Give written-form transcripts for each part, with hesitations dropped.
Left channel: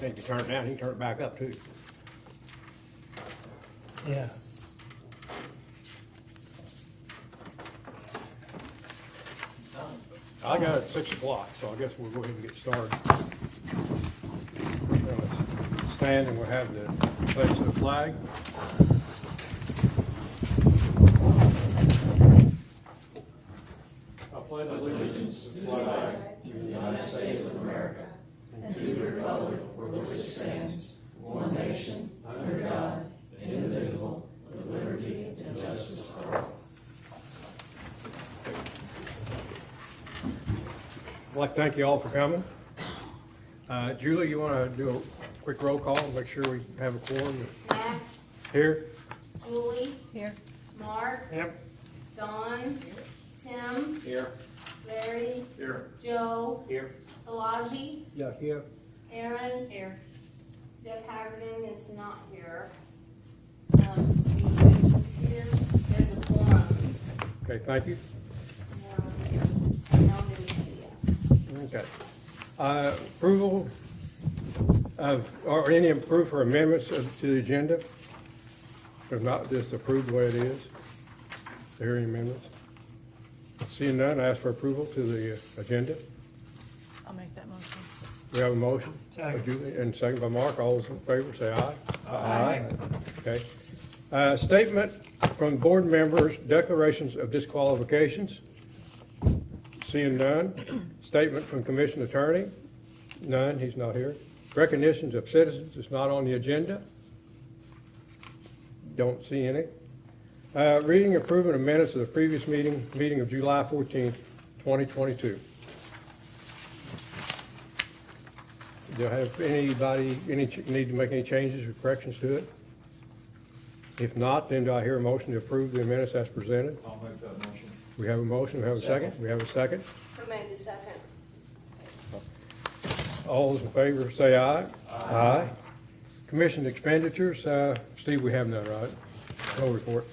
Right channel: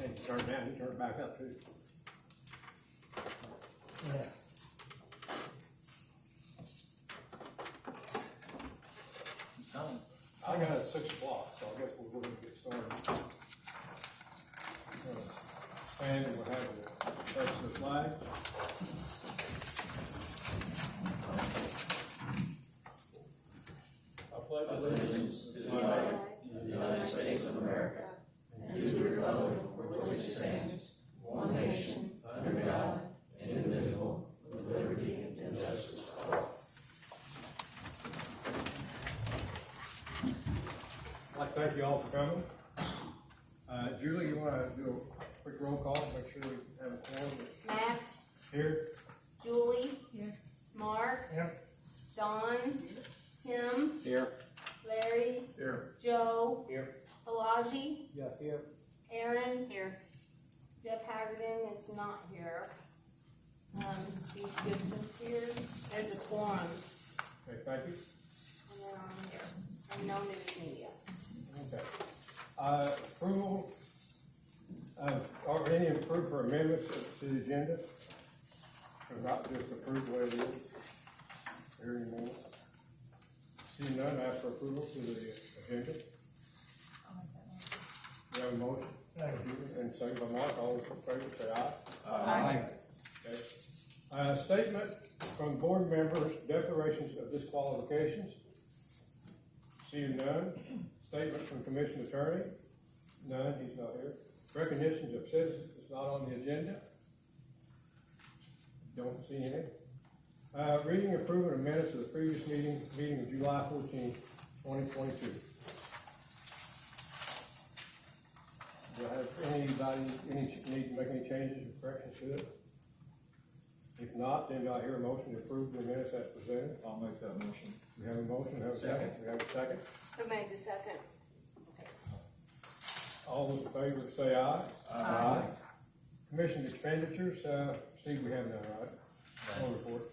And you turn it down, you can turn it back up too. Yeah. I got it at 6 o'clock, so I guess we'll go ahead and get started. Stand and we'll have the pledge of the flag. I pledge allegiance to the flag of the United States of America and to the republic for which it stands, one nation, under God, indivisible, with liberty and justice for all. I'd like to thank you all for coming. Julie, you want to do a quick roll call and make sure we have a quorum? Matt, Here? Julie, Here. Mark, Yep. Don, Tim, Here. Larry, Here. Joe, Here. Elijah, Yeah, here. Aaron. Here. Jeff Haggerty is not here. Steve Vincent's here. There's a quorum. Okay, thank you. No new media. Okay. Approval of, or any approve for amendments to the agenda? If not, just approve the way it is. Hearing amendments. Seeing none, ask for approval to the agenda. I'll make that motion. We have a motion. Second. Julie, and second by Mark. All those in favor say aye. Aye. Okay. Statement from board members, declarations of disqualifications. Seeing none. Statement from commission attorney. None, he's not here. Recognitions of citizens is not on the agenda. Don't see any. Reading and approving of minutes of the previous meeting of July 14th, 2022. Do I have anybody, need to make any changes or corrections to it? If not, then do I hear a motion to approve the minutes as presented? I'll make that motion. We have a motion, we have a second, we have a second. Who made the second? All those in favor say aye. Aye. Commission expenditures, Steve, we have none, right? No report.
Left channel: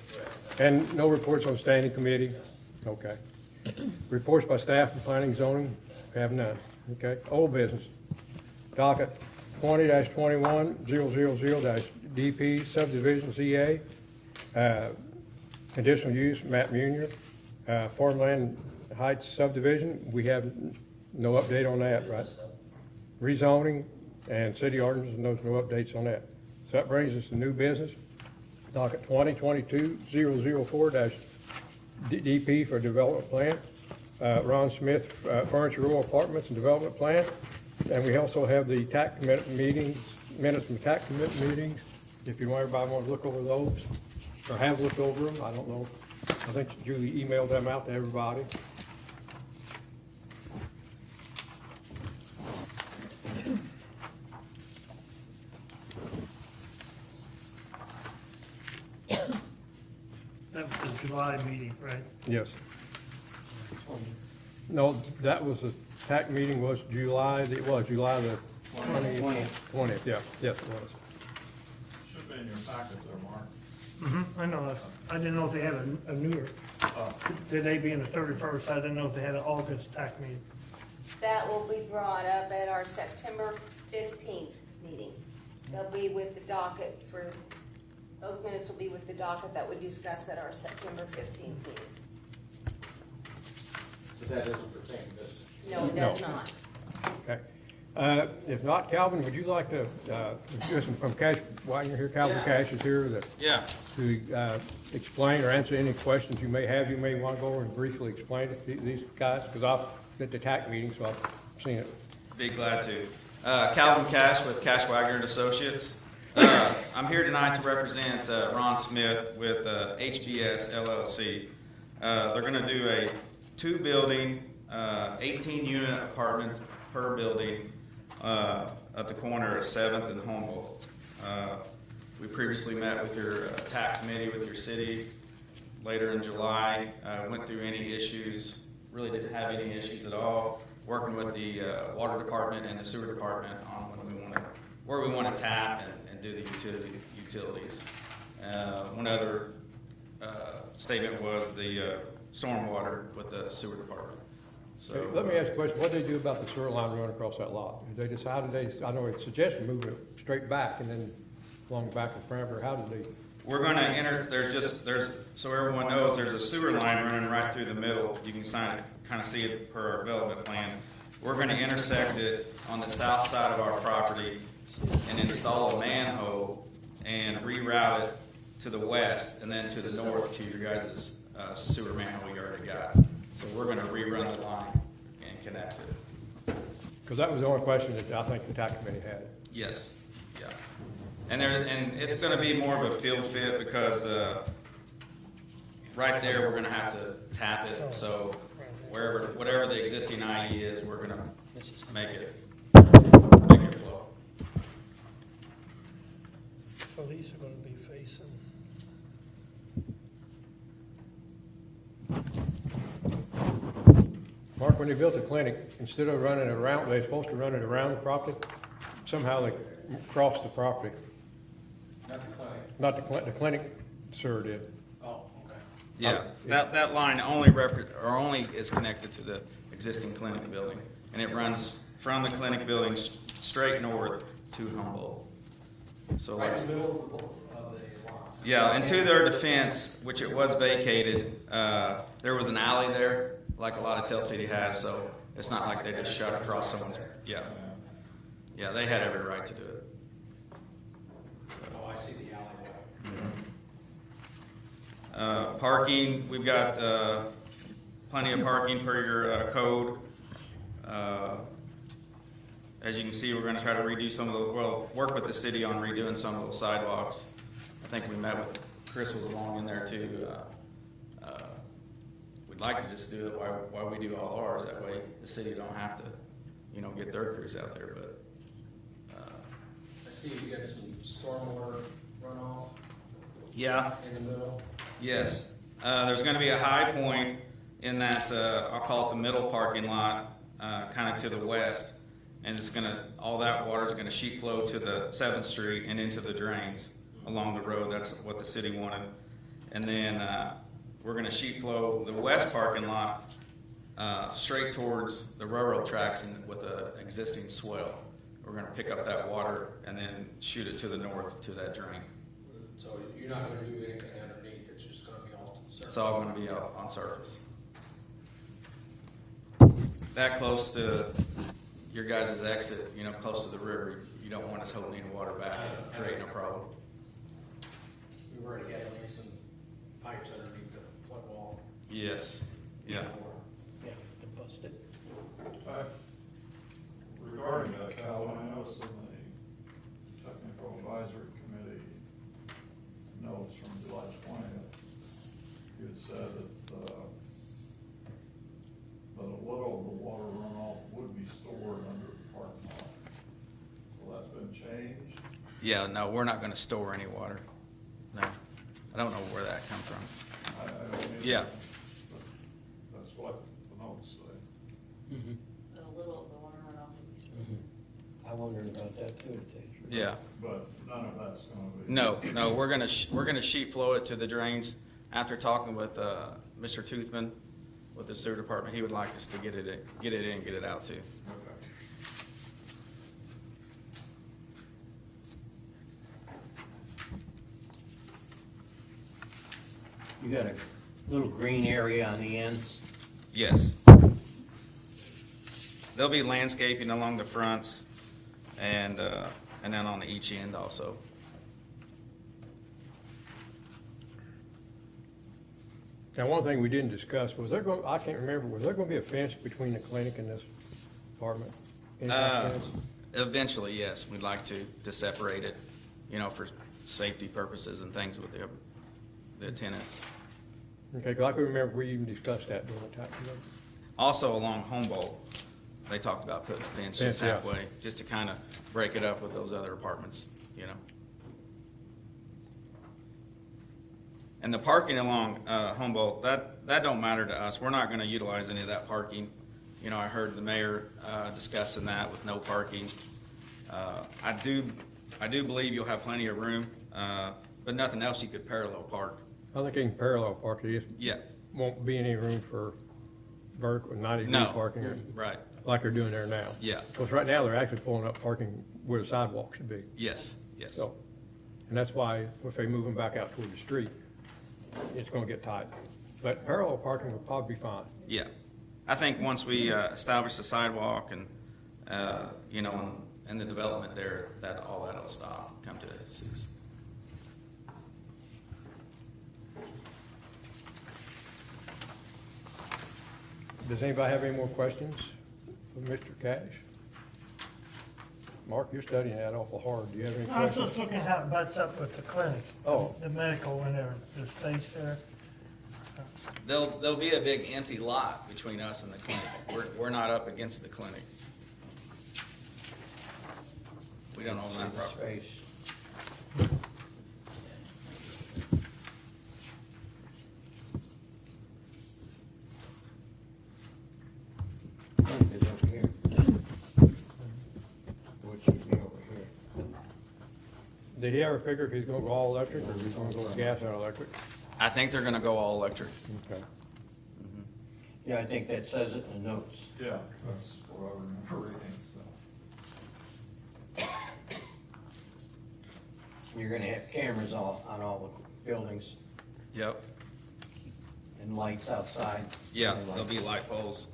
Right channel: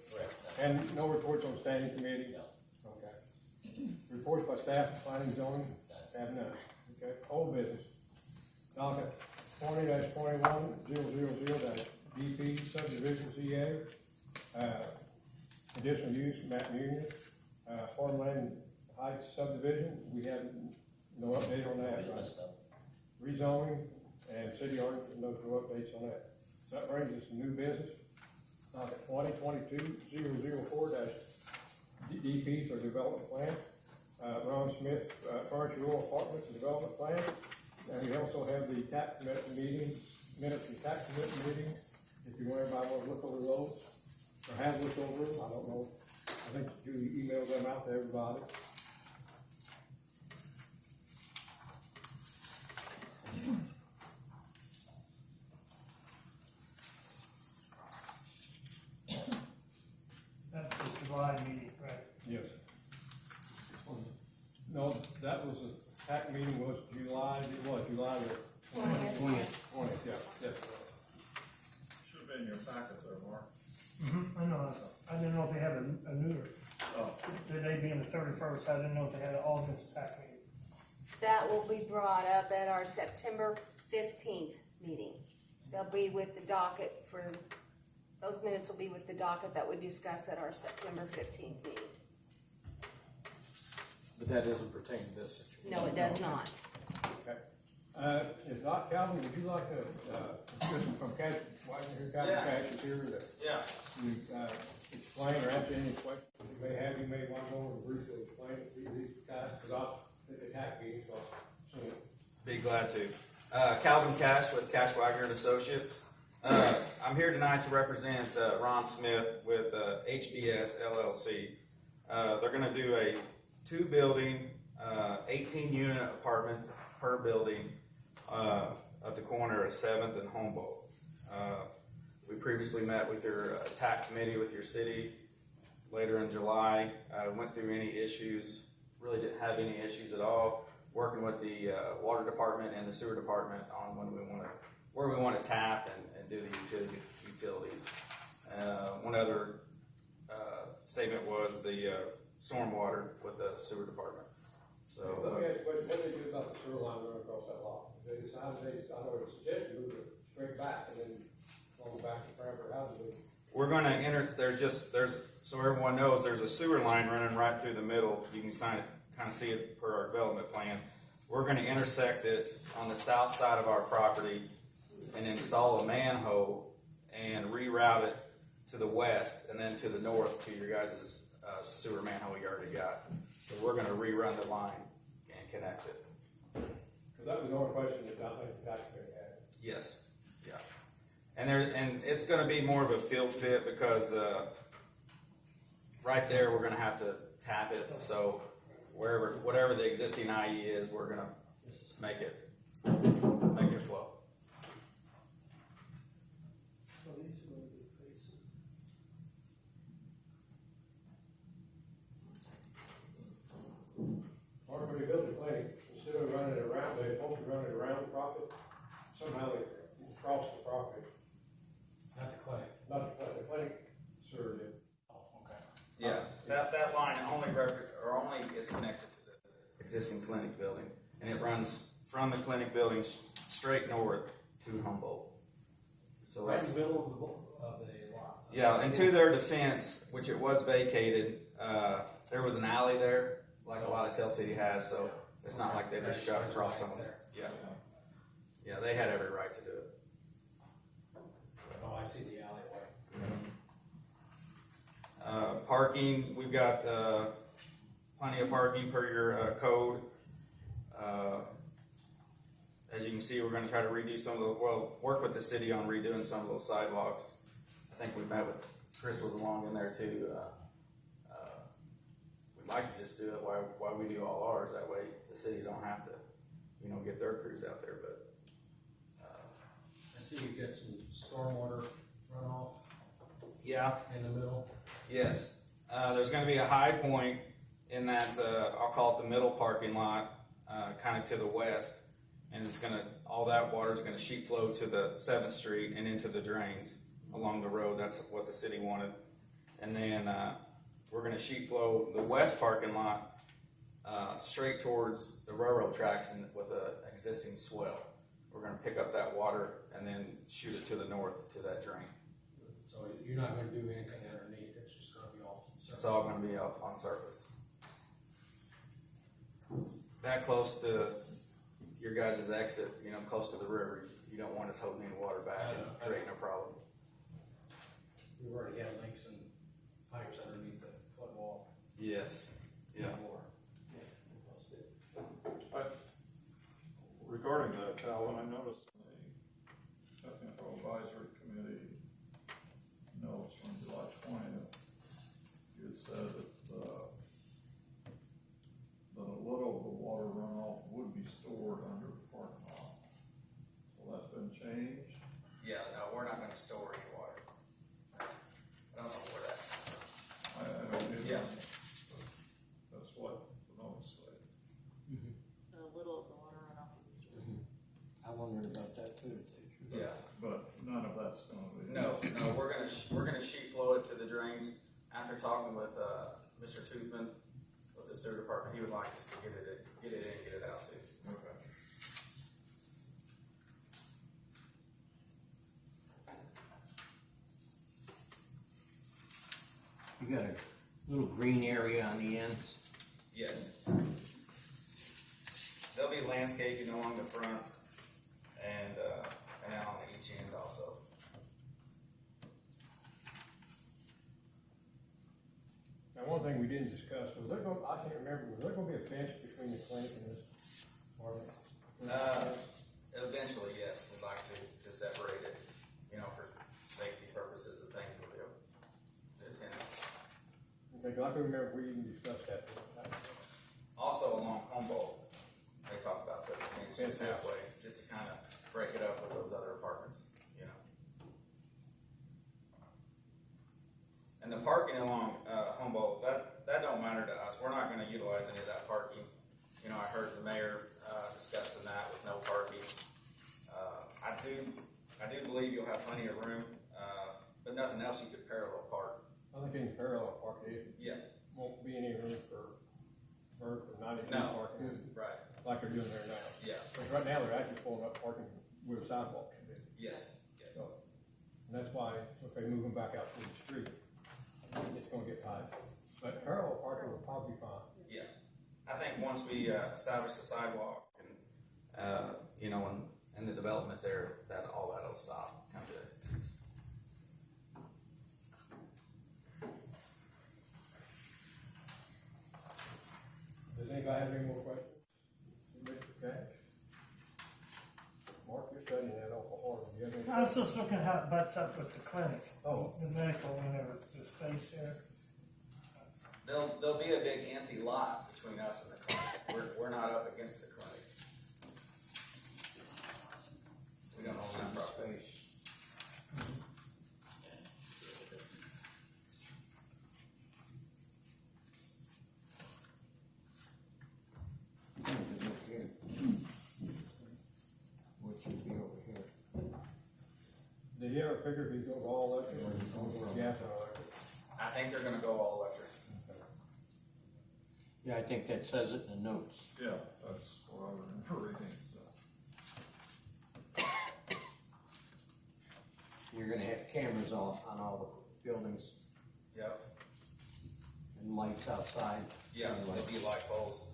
And no reports on standing committee? Okay. Reports by staff and planning and zoning, have none. Okay. Old business. Docket 20-21-000-DP subdivision ZA. Conditional use, Matt Munier. Farmland Heights subdivision, we have no update on that, right? Rezoning and city ordinance, and there's no updates on that. So that brings us to new business. Docket 2022-004-DP for development plan. Ron Smith, Furniture Row Apartments and Development Plan. And we also have the TAC commitment meetings, minutes from TAC commitment meetings. If everybody want to look over those, or have looked over them, I don't know. I think Julie emailed them out to everybody. That was the July meeting, right? Yes. No, that was the TAC meeting was July, it was July the 20th, yeah, yes, it was. Should have been in your packet there, Mark. I know that. I didn't know if they had a newer. Today being the 31st, I didn't know if they had an August TAC meeting. That will be brought up at our September 15th meeting. They'll be with the docket for, those minutes will be with the docket that we discussed at our September 15th meeting. But that doesn't pertain to this. No, it does not. Okay. If not, Calvin, would you like to, listen from Cash, while you're here, Calvin Cash is here to explain or answer any questions you may have. You may want to go over and briefly explain it to these guys, because I've been at the TAC meeting, so I've seen it. Be glad to. Calvin Cash with Cash Wagner and Associates. I'm here tonight to represent Ron Smith with HBS LLC. They're going to do a 2-building, 18-unit apartment per building at the corner of 7th and Humboldt. We previously met with your TAC committee with your city later in July. Went through any issues, really didn't have any issues at all. Working with the water department and the sewer department on where we want to tap and do the utilities. One other statement was the stormwater with the sewer department. So. Hey, let me ask you a question, what do they do about the sewer line running across that lot? Did they decide, I know it suggested moving it straight back and then along the back of the perimeter, how did they? We're gonna enter, there's, so everyone knows, there's a sewer line running right through the middle. You can kind of see it per our development plan. We're gonna intersect it on the south side of our property and install a manhole and reroute it to the west and then to the north to your guys' sewer manhole you already got. So we're gonna rerun the line and connect it. Because that was the only question that I think the tax committee had. Yes, yeah. And it's gonna be more of a field fit because, right there, we're gonna have to tap it, so whatever the existing IE is, we're gonna make it flow. So these are gonna be facing. Mark, when they built the clinic, instead of running it around, they're supposed to run it around the property, somehow they crossed the property. Not the clinic, the clinic, sir, did. Yeah, that line only is connected to the existing clinic building, and it runs from the clinic building straight north to Humboldt. So, yeah, and to their defense, which it was vacated, there was an alley there, like a lot of Tell City has, so it's not like they just shot across someone's, yeah. Yeah, they had every right to do it. Parking, we've got plenty of parking per your code. As you can see, we're going to try to redo some of the, work with the city on redoing some of the sidewalks. I think we met with Chris was along in there too. We'd like to just do it while we do all ours. That way the city don't have to, get their crews out there. But I see you got some stormwater runoff yeah. in the middle. Yes, there's going to be a high point in that, I'll call it the middle parking lot, kind of to the west, and it's going to, all that water is going to sheet flow to the 7th Street and into the drains along the road. That's what the city wanted. And then we're going to sheet flow the west parking lot straight towards the railroad tracks and with the existing swell. We're going to pick up that water and then shoot it to the north to that drain. So you're not gonna do anything underneath, it's just gonna be all to the surface. It's all going to be on surface. That close to your guys' exit, close to the river, you don't want us holding any water back and creating a problem. We were already getting some pipes underneath the flood wall. Yes, yeah. Regarding that, Calvin, I noticed in the technical advisory committee notes from July 20th, you had said that a little of the water runoff would be stored under the parking lot. Well, that's been changed. Yeah, no, we're not going to store any water. No, I don't know where that comes from. I don't either, Yeah. but that's what the notes say. A little, the water runoff. I wondered about that too. Yeah. But none of that's gonna be. No, we're gonna sheet flow it to the drains. After talking with Mr. Toothman with the sewer department, he would like us to get it in, get it out too. Okay. You got a little green area on the ends. Yes. There'll be landscaping along the fronts and then on each end also. Now, one thing we didn't discuss, I can't remember, was there gonna be a fence between the clinic and this apartment? Any kind of fence? Eventually, yes, we'd like to separate it, for safety purposes and things with the tenants. Okay, 'cause I can remember we even discussed that during the tax committee. Also along Humboldt, they talked about putting a fence just Fence, yeah. halfway, just to kind of break it up with those other apartments, And the parking along Humboldt, that don't matter to us. We're not going to utilize any of that parking. I heard the mayor discussing that with no parking. I do believe you'll have plenty of room, but nothing else you could parallel park. I think you can parallel park, there just Yeah, won't be any room for vertical, 90 degree No. parking, Right, like they're doing there now. yeah, Because right now, they're actually pulling up parking where the sidewalk should be. yes, yes. So, and that's why if they move them back out toward the street, it's gonna get tight. But parallel parking will probably be fine. Yeah, I think once we establish the sidewalk and, you know, and the development there, that all that'll stop, come to a cease. Does anybody have any more questions for Mr. Cash? Mark, you're studying that awful hard. Do you have any I was questions? just looking how it butts up with the clinic. Oh. The medical and the space there. There'll be a big empty lot between us and the clinic. We're not up against the clinic. We don't own that property. Space. Think it's up here. Which should be over here. Did he ever figure if he's going to go all electric or if he's going to go gas or electric? I think they're gonna go all electric. Okay. Yeah, I think that says it in the notes. Yeah, that's what I remember reading, so. You're gonna have cameras on all the buildings Yep. and lights outside. Yeah, there'll be light poles.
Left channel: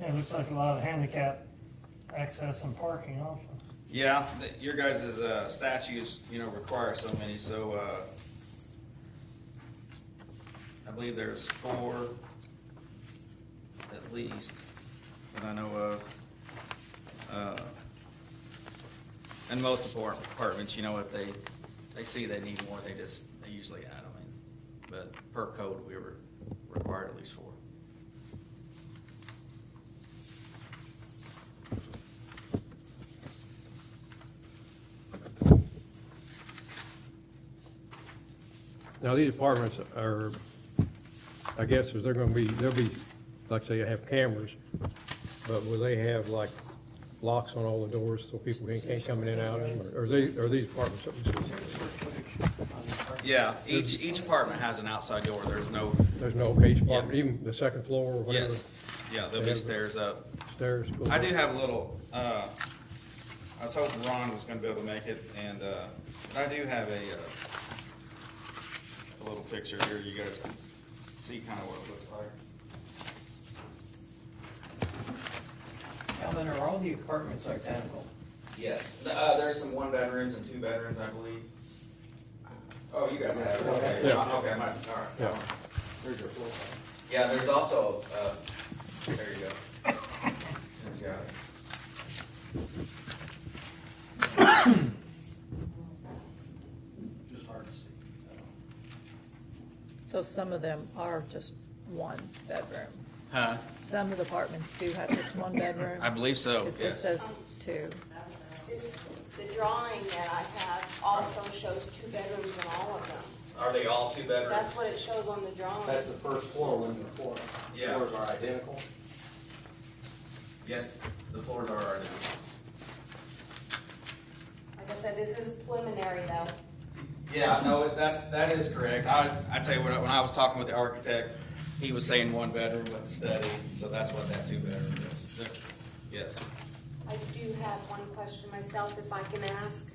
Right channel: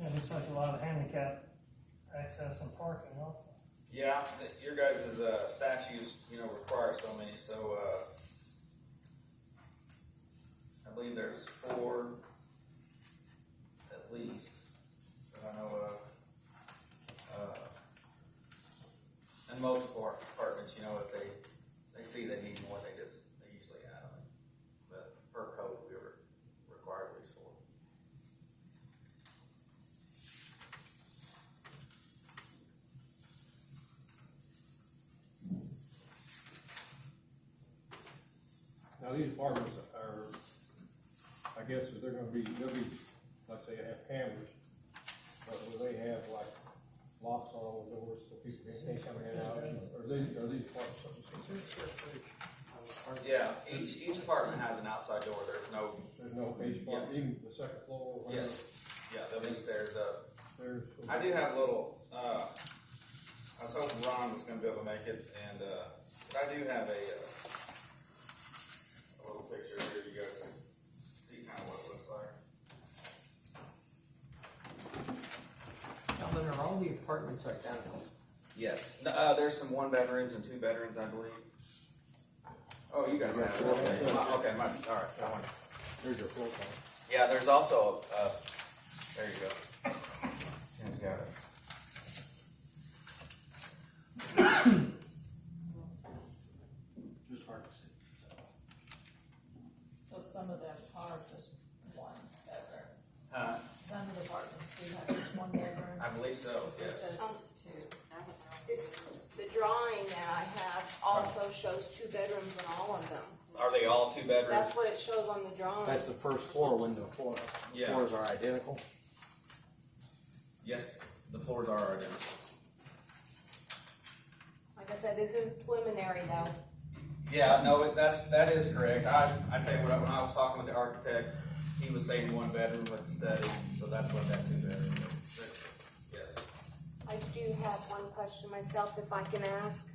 Yeah, it looks like a lot of handicap access and parking also. Yeah, your guys' statutes, you know, require so many, so, I believe there's 4 at least that I know of. And most apartments, you know, if they see they need more, they usually add them in. But per code, we were required at least 4. Now, these apartments are, I guess, is they're gonna be, they'll be, like say, have cameras, but will they have like locks on all the doors so people can't come in and out of them? Or are these apartments? Yeah, each apartment has an outside door. There's no, There's no each apartment, even the second floor or whatever? yes, yeah, there'll be stairs up. Stairs? I do have a little, I was hoping Ron was gonna be able to make it, and, I do have a little picture here, you guys can see kind of what it looks like. Alan, are all the apartments identical? Yes, there's some 1-bedrooms and 2-bedrooms, I believe. Oh, you guys have it, okay, Yeah. okay, all right. Yeah. There's your floor plan. Yeah, there's also, there you go. There's got it. Just hard to see. So some of them are just 1 bedroom. Huh? Some of the apartments do have just 1 bedroom. I believe so, It yes. says 2. Just, the drawing that I have also shows 2 bedrooms in all of them. Are they all 2 bedrooms? That's what it shows on the drawing. That's the first floor, when the Yeah. floors are identical. Yes, the floors are identical. Like I said, this is preliminary though. Yeah, no, that is correct. I tell you what, when I was talking with the architect, he was saying 1 bedroom with the study, so that's what that 2 bedroom is. Yes. I do have one question myself, if I can ask.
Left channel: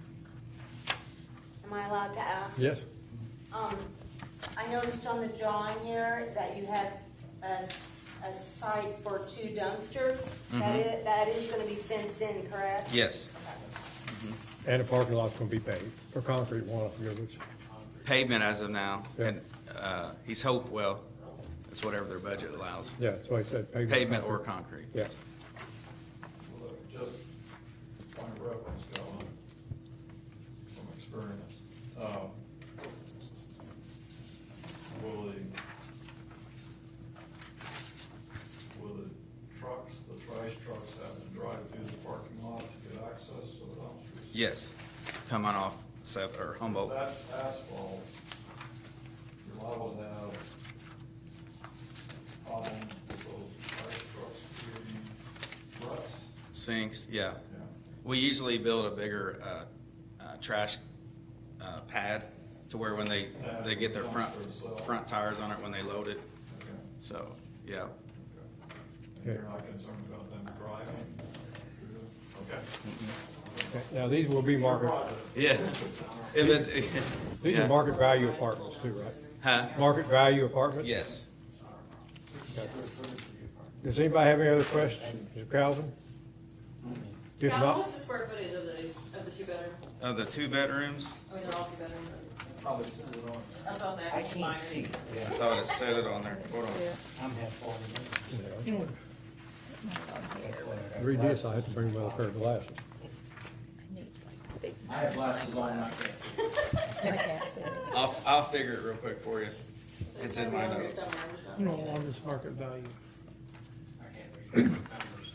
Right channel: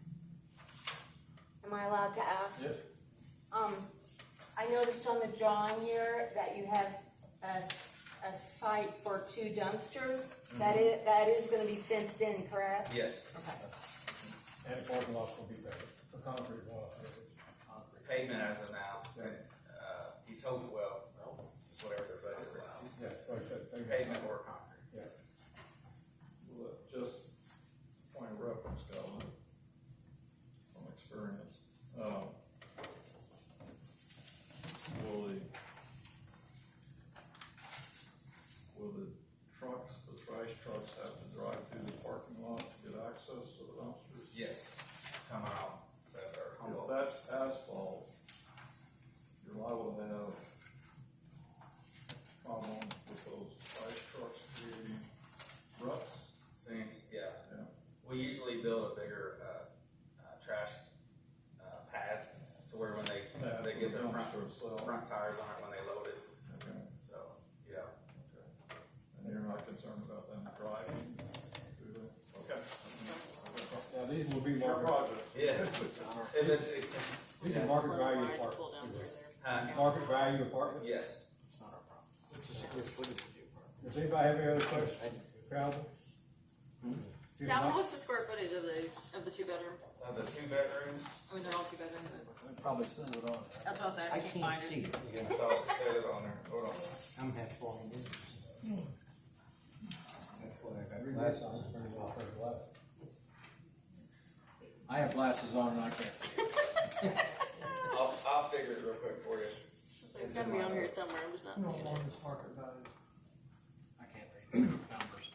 Am I allowed to ask? Yes? I noticed on the drawing here that you have a site for 2 dumpsters. That is gonna be fenced in, correct? Yes. Okay. And the parking lot's gonna be paved, or concrete, one of the others. Pavement as of now, Yeah. and he's hoped, well, it's whatever their budget allows. Yeah, that's why I said pavement. Pavement or concrete. Yes. Look, just kind of reference, Colin, from experience. Will the trucks, the trash trucks have to drive through the parking lot to get access to the dumpsters? Yes, coming off Seth or If Humboldt. that's asphalt, you're liable to have problems with those trash trucks creating ruts. Sinks, yeah. Yeah. We usually build a bigger trash pad to where when they get their front tires on it when they load it. Okay. So, Yeah. And you're not concerned about them driving? Okay. Now, these will be Your market, project. Yeah. If it, these yeah. are market value apartments too, right? Huh? Market value apartments? Yes. Does anybody have any other questions? Mr. Calvin? If Calvin, not, what's the square footage of these, of the two bedroom? Of the 2 bedrooms, I mean, they're all two bedroom, Probably send it on. but that's what I was I asking. can't minor. see. I thought it said it on there. Hold on. I'm half falling. read this, I have to bring well pair of glasses. I have glasses on and I can't see. I'll figure it real quick for you. So It's gotta in be my on here notes. somewhere, I'm just not You don't seeing it. want this market value. I can't read numbers.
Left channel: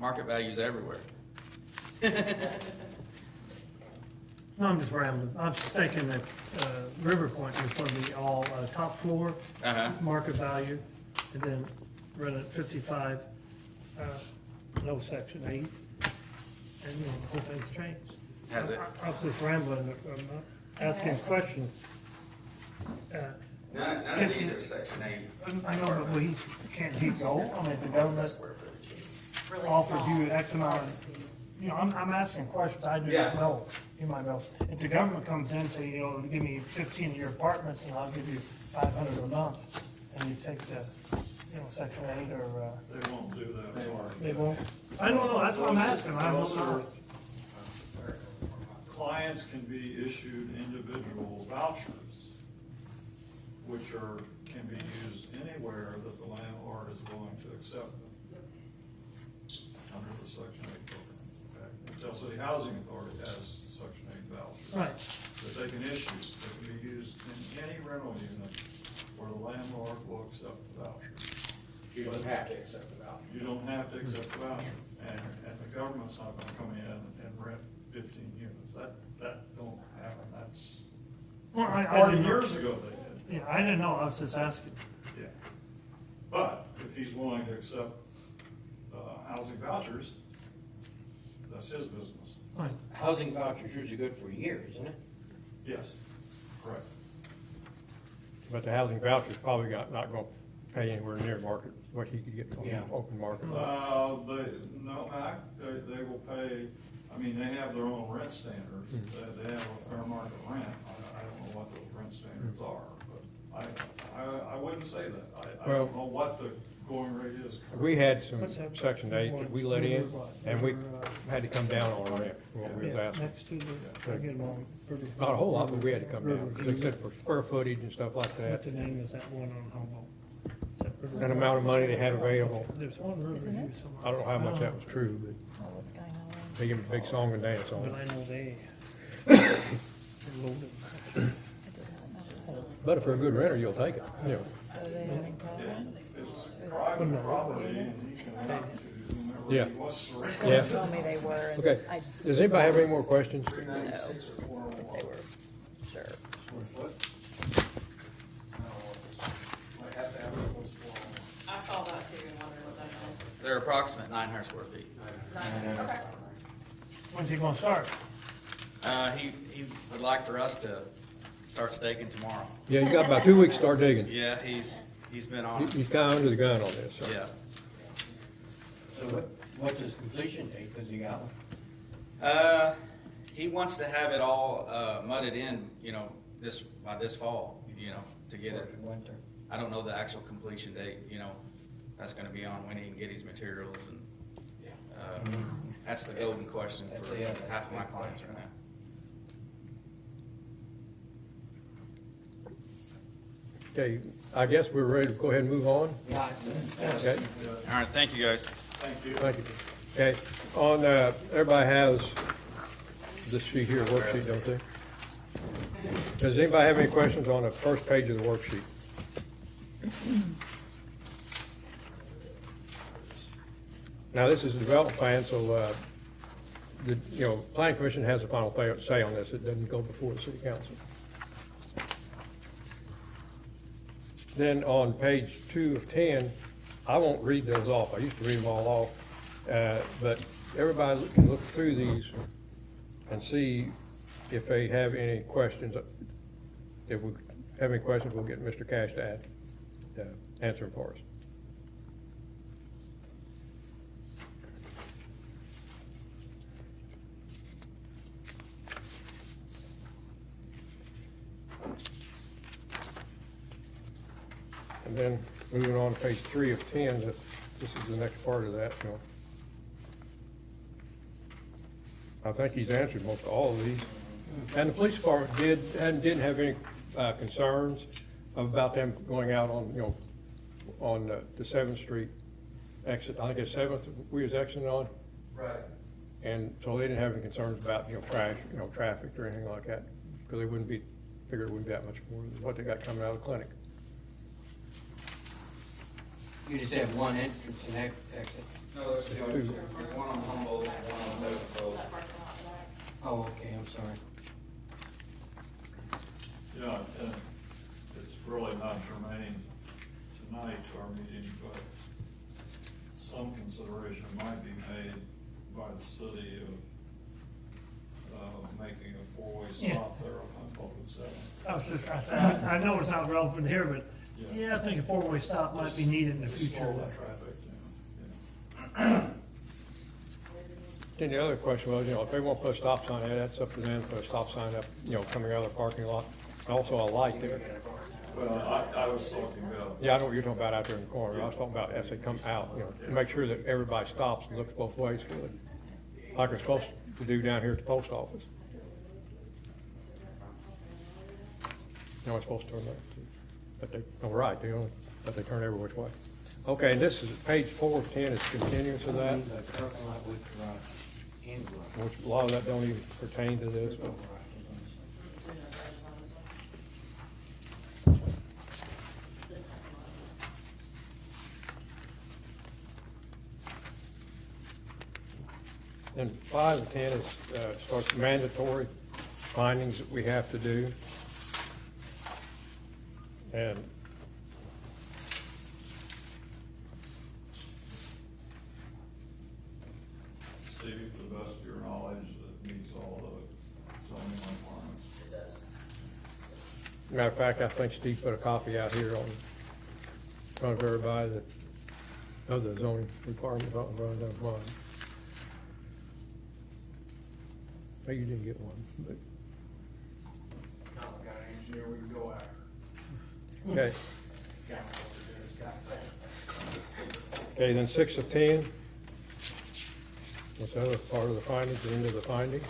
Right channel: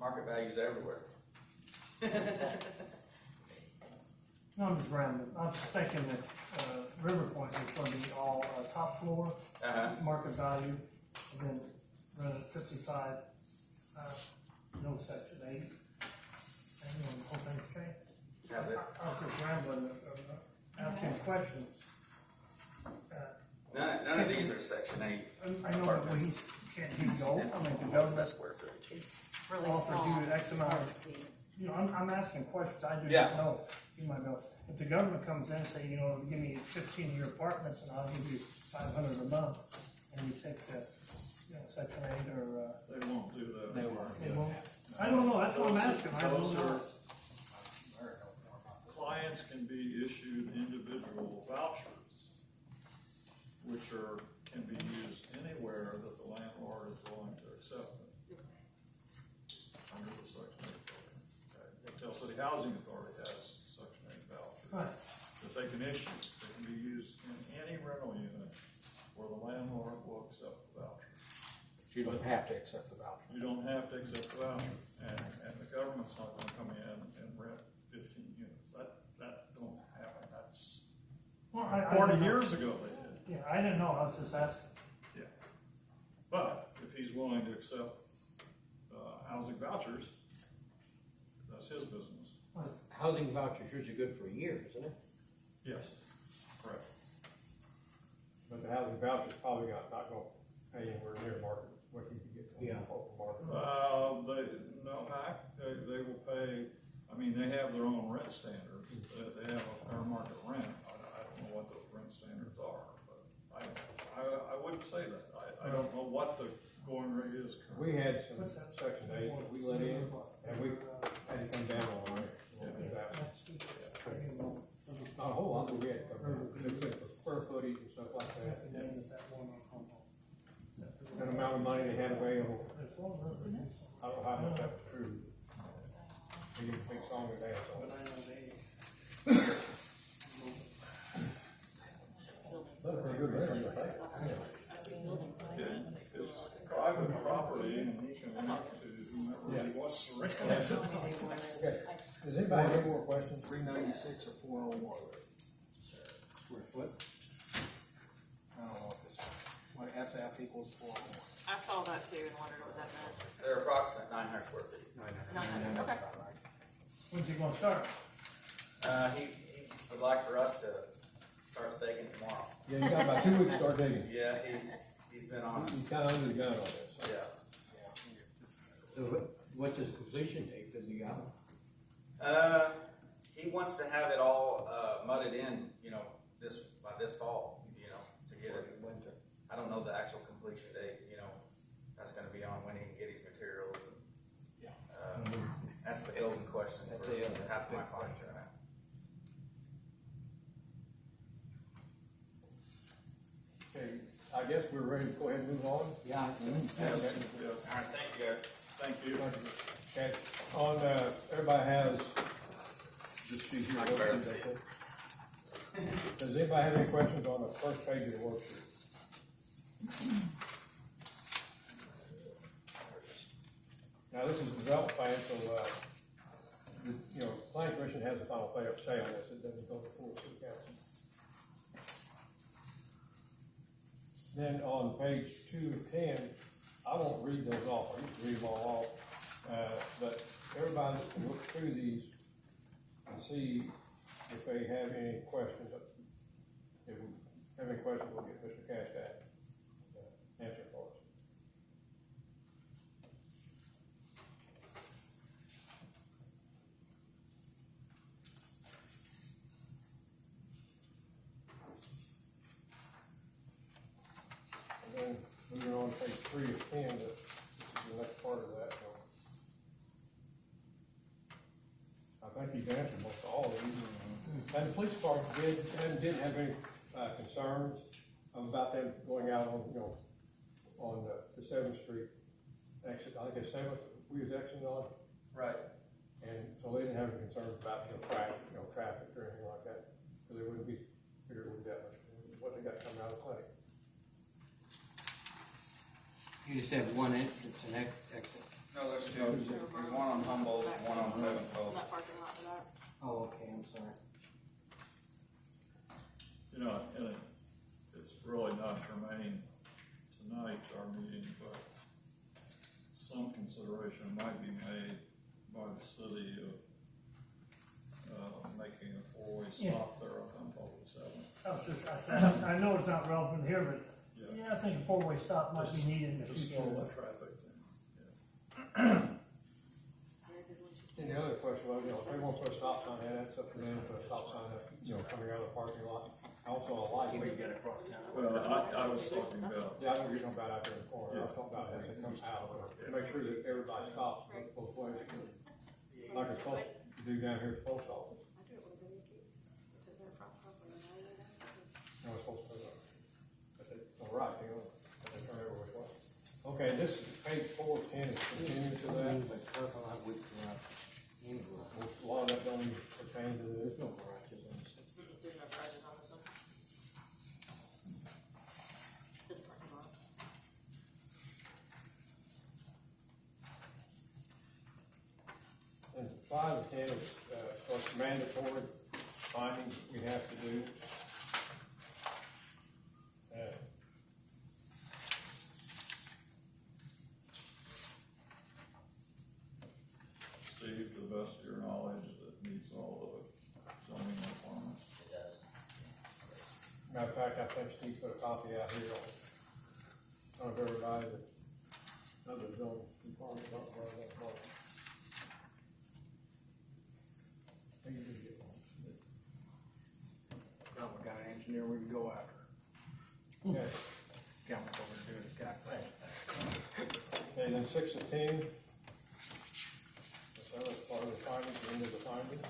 Market values everywhere. No, I'm just rambling. I was thinking that, River Point was gonna be all, top floor, Uh-huh. market value, and then run at 55, no section 8. And, the whole thing's changed. Has it? I was just rambling, asking a question. None of these are section 8. I know, but we can't he go, I mean, the government It's really offers small. you X amount of, you know, I'm asking questions, I do Yeah. not know, you might know. If the government comes in and say, you know, give me 15 of your apartments and I'll give you 500 a month, and you take the, you know, section 8 or, They won't do that. They won't. they won't, I don't know, that's what I'm asking, I Those don't are- know. Clients can be issued individual vouchers, which can be used anywhere that the landlord is willing to accept them. Under the Section 8 program, okay? The Tell City Housing Authority has Section 8 vouchers. Right, That they can issue, they can be used in any rental unit where the landlord will accept the voucher. She doesn't have to accept the voucher. You don't have to accept the voucher, and the government's not gonna come in and rent 15 units. That don't happen, that's, well, I 40 didn't know. years ago they did, Yeah, I didn't know, I was just asking. yeah. But if he's willing to accept, housing vouchers, that's his business. Right. Housing vouchers usually good for a year, isn't it? Yes, correct. But the housing voucher's probably not gonna pay anywhere near market, what he could get from the Yeah. open market. No, Mac, they will pay, I mean, they have their own rent standards, they have a fair market rent, I don't know what those rent standards are, but I wouldn't say that, I don't know what the going rate is. We had some What's that? section 8 that we let in, and we had to come down on rent, for what we was Yeah, asking. next to the, I get them on. Not a whole lot, but we had to come down, except for square footage and stuff like What that, the name is that one on Humboldt? Is that River- and amount of money they had available. There's one Riverview somewhere. I don't know how much that was true, but they get a big song and dance on But it. I know they. They're loaded. But if you're a good renter, you'll take it. Yeah. Yeah, it's private property, and he can rent to whomever Yeah. he wants to rent. Yeah. Told me they were. and Okay. I- Does anybody have any more questions? 396 or 401. Sure. Square foot? I don't know what this, might have to have equal to I saw that too and wondered what that meant. They're approximate 900 square feet. Okay. When's he gonna start? He would like for us to start staking tomorrow. Yeah, you got about 2 weeks to start digging. Yeah, he's been on us. He's kind of under the gun on this. so. Yeah. So what's his completion date, cause you got one? He wants to have it all, mudded in, by this fall, to get it. Winter. I don't know the actual completion date, that's gonna be on when he can get his materials and, Yeah. that's the golden question That's for the other half of my big clients question. right now. Okay, I guess we're ready to go ahead and move on. Yeah. Okay, All right, thank you, guys. Thank you. thank you. Okay, everybody has this sheet here, worksheet, don't they? Does anybody have any questions on the first page of the worksheet? Now, this is a development plan, so, planning commission has the final say on this, it doesn't go before the city council. Then on page 2 of 10, I won't read those off, I used to read them all off, but everybody can look through these and see if they have any questions. If we have any questions, we'll get Mr. Cash to answer them for us. then moving on to page 3 of 10, this is the next part of that, so. I think he's answered most all of these. And the police department didn't have any concerns about them going out on, on the 7th Street exit. I think it's 7th we was exiting on. Right. And so they didn't have any concerns about, crash, traffic or anything like that, because they figured it wouldn't be that much more than what they got coming out of the clinic. You just have one entrance and exit. No, there's two. There's one on Humboldt and one on Seventh. That parking lot in the back. Oh, okay, I'm sorry. And it's really not germane tonight to our meeting, but some consideration might be made by the city of making a four-way stop there on Humboldt and Seventh. I know it's not relevant here, but yeah, I think a four-way stop might be needed in the Just future. slow that traffic down, And the other question was, if they want to put a stop sign in, that's up to them, put a stop sign up, coming out of the parking lot. Also a light there. Well, I was talking about. Yeah, I know what you're talking about out there in the corner. I was talking about as they come out, to make sure that everybody stops and looks both ways good. Like we're supposed to do down here at the post office. It's supposed to turn up, but they turn every which way. Okay, and this is page 4 of 10, it's continuance of that, The parking lot with garage and garage. which a lot of that don't even pertain to this, but. Do no garages on this side. This parking lot. And 5 and 10 is, starts mandatory findings that we have to do. And Steve, to the best of your knowledge, that meets all the zoning requirements. It does. matter of fact, I think Steve put a copy out here on, front of everybody that, of the zoning requirements, I don't run that one. Maybe you didn't get one, but. Now we got an engineer we can go after. Okay, Got what we're doing, it's got plans. okay, then 6 of 10. That's another part of the findings, the end of the findings.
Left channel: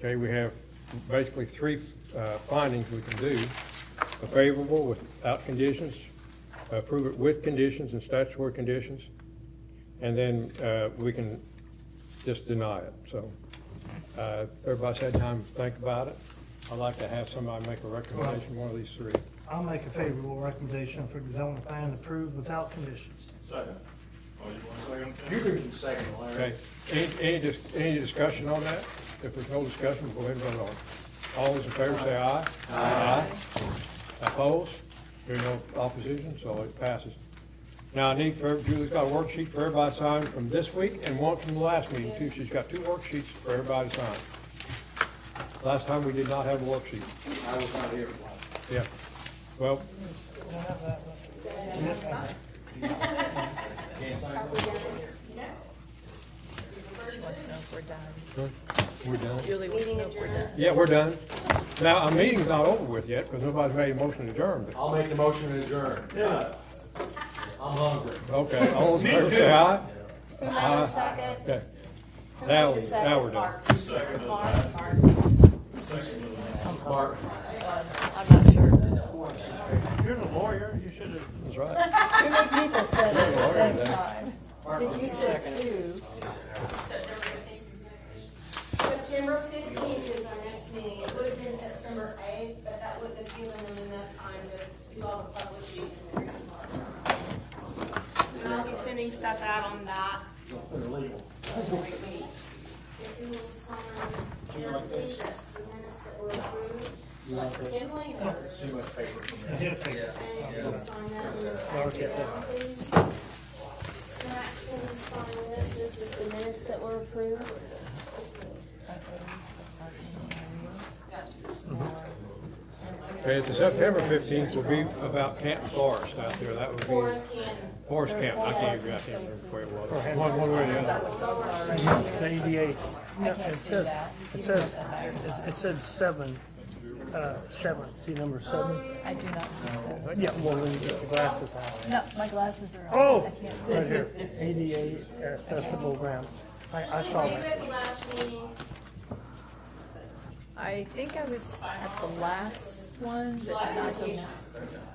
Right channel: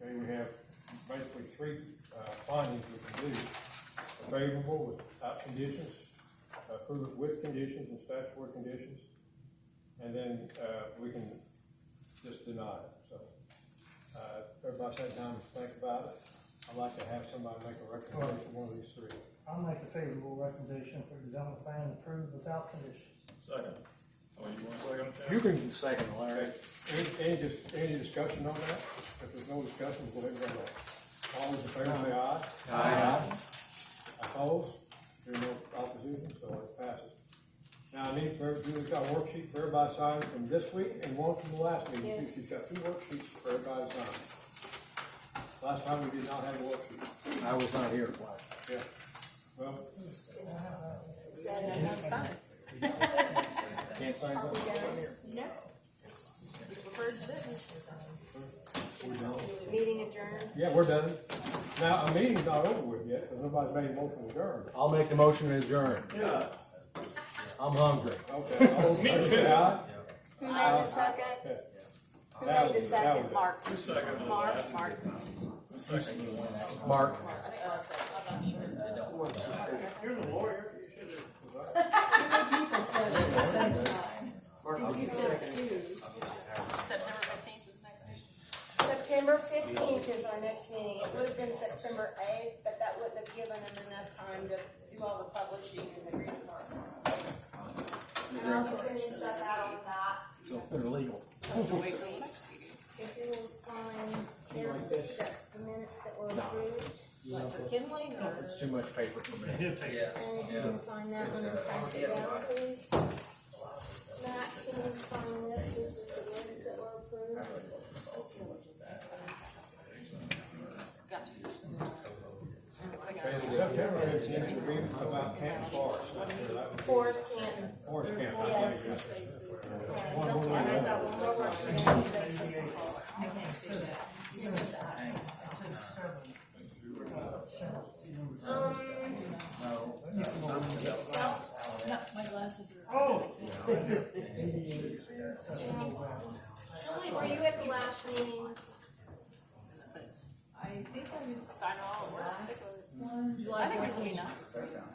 Okay, we have basically 3 findings we can do. A favorable without conditions, approve it with conditions and statutory conditions, and then we can just deny it. So everybody's had time to think about it. I'd like to have somebody make a recommendation, one of these 3. I'll make a favorable recommendation for development plan approved without conditions. Second. Oh, you want a second? Tim? You can, Second, Larry. okay, any discussion on that? If there's no discussion, we'll go ahead and vote on it. All those in favor say aye. Aye. Opposed? There's no opposition, so it passes. Now, I need Julie's got a worksheet for everybody to sign from this week and one from the last meeting too. She's got 2 worksheets for everybody to sign. Last time we did not have a worksheet. I was not here. Yeah. Well, Can't sign Are we something? done? we're done. Julie, Meeting adjourned. Yeah, we're done. Now, our meeting's not over with yet because nobody's made a motion to adjourn. I'll make the motion to adjourn. Yeah. I'm hungry. Okay, all in favor say aye. Who made the second? Okay. Who Now, made the now second? we're done. Mark. Who seconded Mark, that? Mark. Seconded that. Mark. I'm not sure. You're the lawyer, you should have. That's right. Too many people said it at the same time. Did you say two? September 15th is our next meeting. It would have been September 8th, but that wouldn't have given them enough time to do all the publishing and the green process. And I'll be sending stuff out on that. They're legal. If you will sign, Timothy, that's the minutes that were approved. Kinley or? It's too much paper for me. And you can sign that one and pass it down, please. Matt, can you sign this? This is the minutes that were approved. Got you. Okay, the September 15th will be about Canton Forest out there, that would be. Forest Canton. Forest Camp, I gave you, I can't remember where it was. One way or the other. The ADA. I can't do that. It said seven, see number seven? I do not see that. Yeah, well, when you get the glasses. No, my glasses are Oh, on. I can't see. right here, ADA accessible ramp. I saw Were you that. at the last meeting? I think I was at the last one, but it was Tina.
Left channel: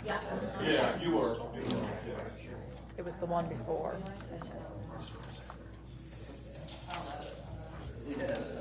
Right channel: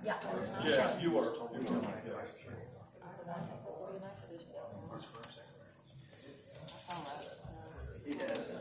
Yeah, Yeah, you are. it was the one before. Yeah.